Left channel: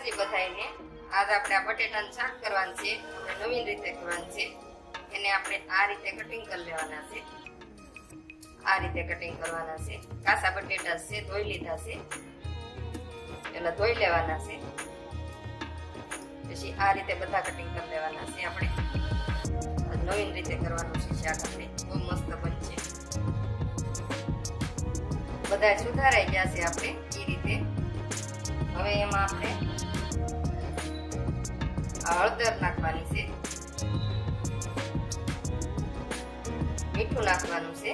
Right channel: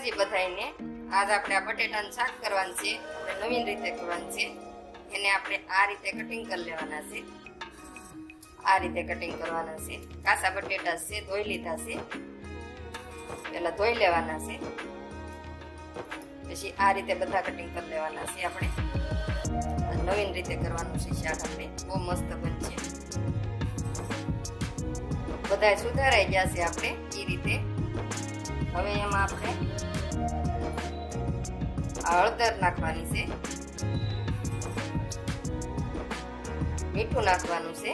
માતાજી બધાને. આજ આપણે આ બટેટાનું શાક કરવાનું છે, નવીન રીતે કરવાનું છે. એને આપણે આ રીતે કટિંગ કરી લેવાના છે. આ રીતે કટિંગ કરવાના છે. કાચા બટેટા છે, ધોઈ લીધા છે. પેલા ધોઈ લેવાના છે, પછી આ રીતે બધા કટિંગ કરી લેવાના છે. આપણે નવીન રીતે કરવાનું છે શાક. આપણે બહુ મસ્ત બનશે. બધા સુધારાઈ ગયા છે આપણે એ રીતે. હવે એમાં આપણે હળદર નાખવાની છે, મીઠું નાખવાનું છે,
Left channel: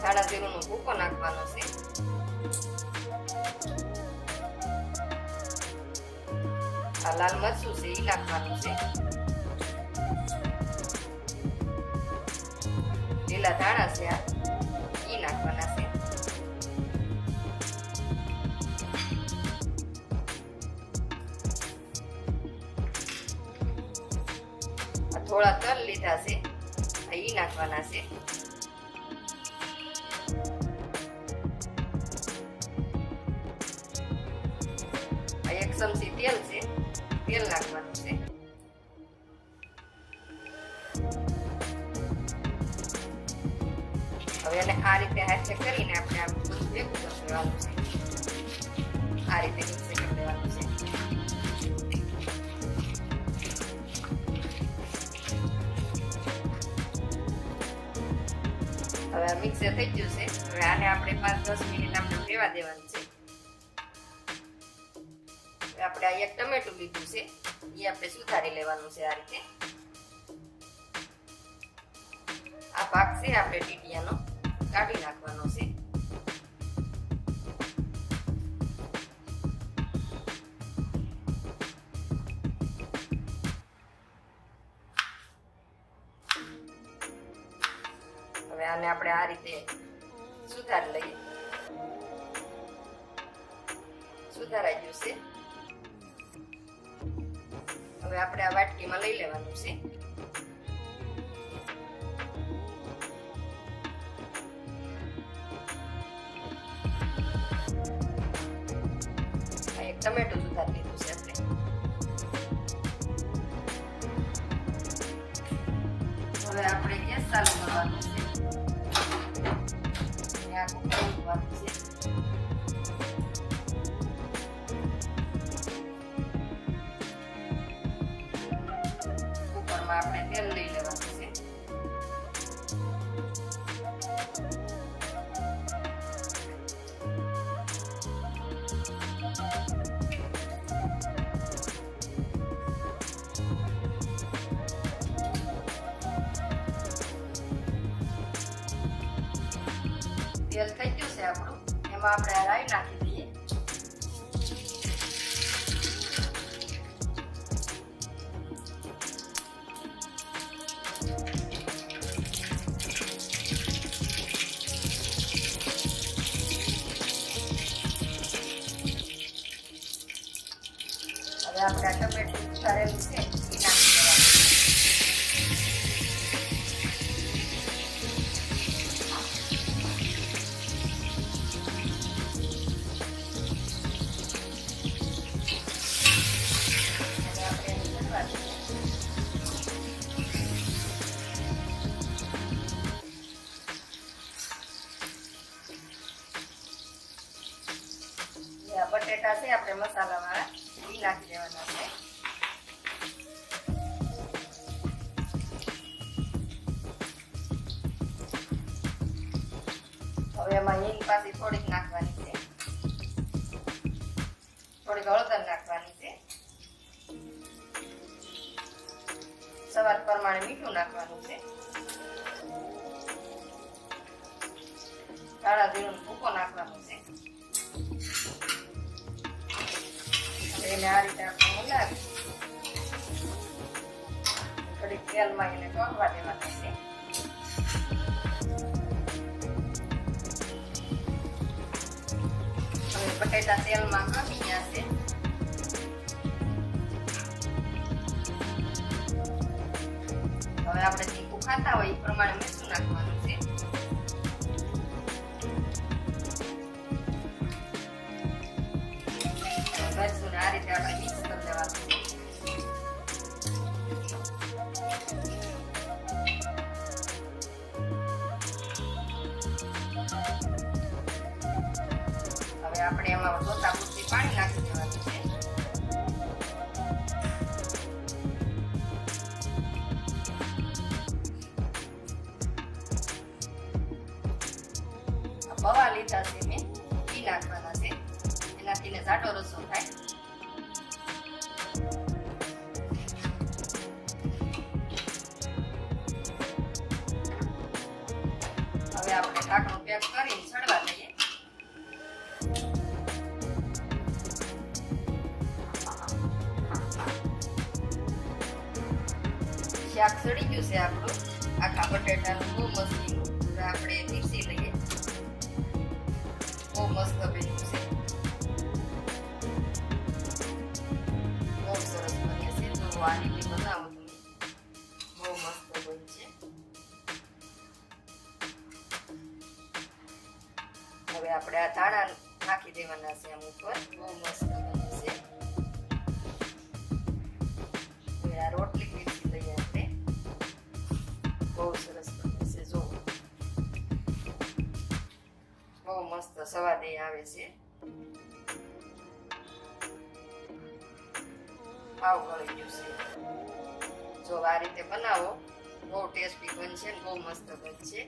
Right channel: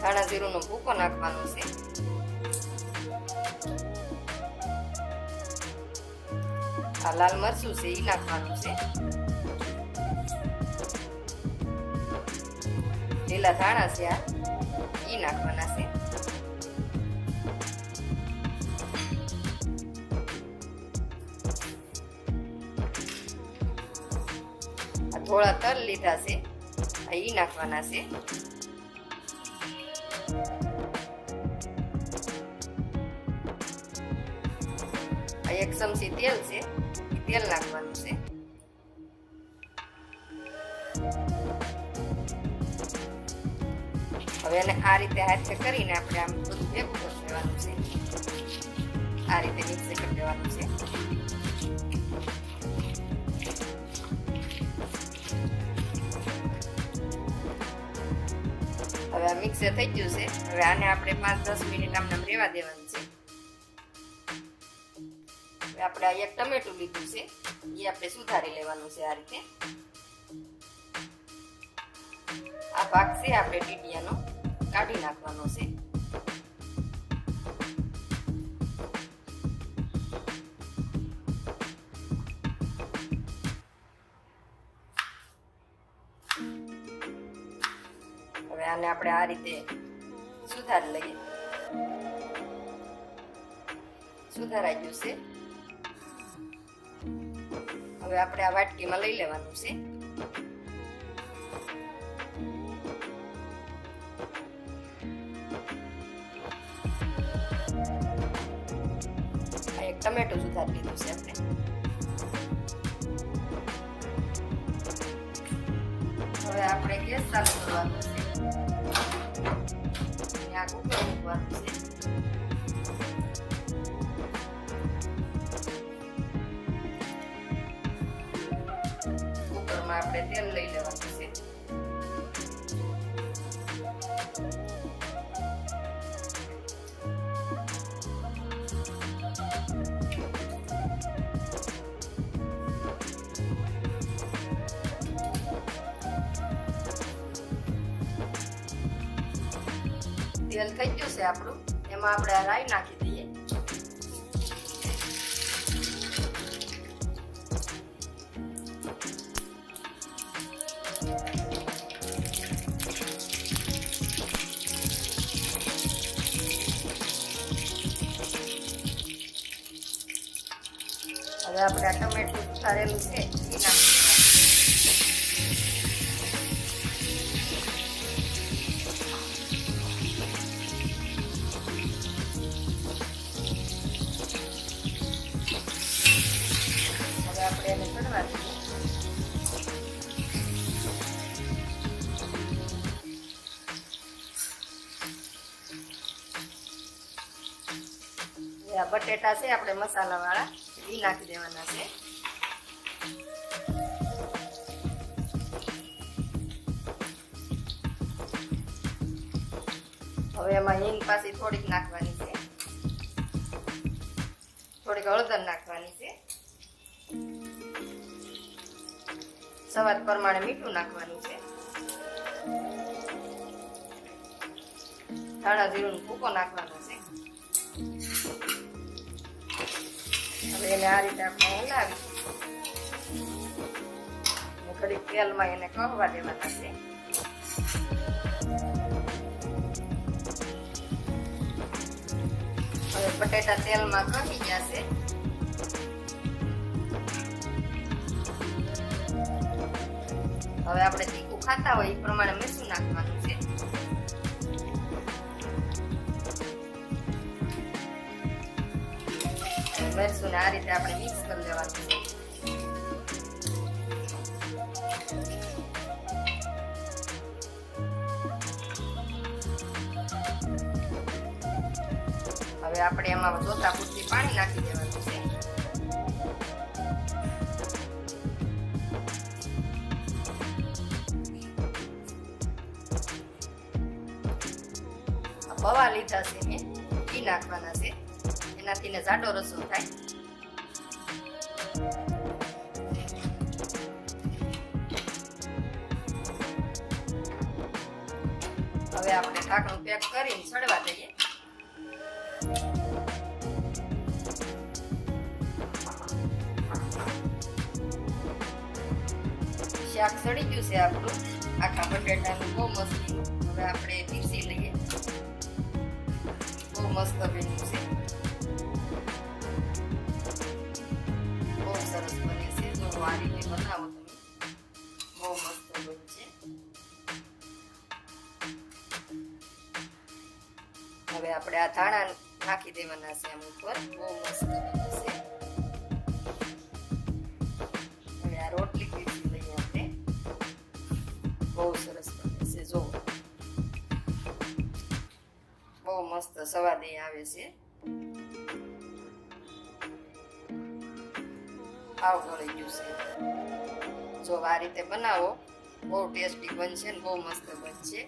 ધાણા જીરુંનો ભૂકો નાખવાનો છે, આ લાલ મરચું છે એ નાખવાનું છે, લીલા ધાણા છે આ એ નાખવાના છે, થોડા તલ લીધા છે એ નાખવાના છે, એક ચમચી તેલ છે, તેલ નાખવાનું છે. હવે એને આ રીતે હાથે કરીને આપણે આમ ભેગું કરી દેવાનું છે. આ રીતે મિક્સ કરી દેવાનું છે. હવે આ મિક્સ થઈ ગયું છે. હવે આને આપણે 5-10 મિનિટ આમને રહેવા દેવાનું છે. હવે આપણે આ એક ટમેટું લીધું છે, એ આપણે સુધારી લેવાનું છે. આ રીતે આ ભાગ છે આપણે ટીટીયાનો કાઢી નાખવાનો છે. હવે આને આપણે આ રીતે સુધારી લઈએ. સુધારાઈ ગયું છે. હવે આપણે આ વાટકીમાં લઈ લેવાનું છે. એક ટમેટું સુધારી લીધું છે આપણે. હવે આપણે ગેસ ચાલુ કરવાનો છે. કુકરમાં આપણે તેલ લઈ લેવાનું છે. તેલ થઈ ગયું છે આપણું. એમાં આપણે રાઈ નાખી દઈએ. હવે આપણે આ ટમેટું સુધારેલું છે એ નાખી બટેટા છે આપણે મસાલા વાળા એ નાખી દેવાના છે. હવે એમાં હિંગ પાછી થોડીક નાખવાની છે, થોડીક હળદર નાખવાની છે, સ્વાદ પ્રમાણે મીઠું નાખવાનું છે, ધાણા જીરુંનો ભૂકો નાખવાનો છે. એને આ રીતે આપણે હલાવી થોડીક તેલમાં એને કહવા દેવાના છે. હવે બટેટા તેલમાં ખમી ગયા છે. હવે આપણે તીખું ખાતા હોય એ પ્રમાણે મરચું નાખવાનું છે. આ રીતે આપણે મિક્સ કરી લેવાનું છે. હવે આપણે એમાં જોતા પૂરતી પાણી નાખી દેવાનું છે. પૌવા લીધા છે મેં, ઘી નાખવાના છે, એનાથી ને જાડો રસો થાય. હવે આપણે ઢાંકણું પેક કરીને સડવા દઈએ. શાક સડી ગયું છે આપણું આખા બટેટાનું, બહુ મસ્ત. હવે આપણે પીસી લઈએ. બહુ મસ્ત બન્યું છે, બહુ સરસ બને છે. જો આ રીતે બનાવો તમે, બહુ મસ્ત બનશે. હવે આપણે આ ધાણા નાખી દેવાના છે આમ ઉપર. બહુ મસ્ત બને છે. હવે આ રોટલી પીસી લઈએ આપણે. બહુ સરસ બને છે. જો બહુ મસ્ત સ્વાદ આવે છે. આવ ગળી ગયું છે. જો આ રીતે બનાવો, બહુ ટેસ્ટી બનશે ને બહુ મસ્ત બનશે.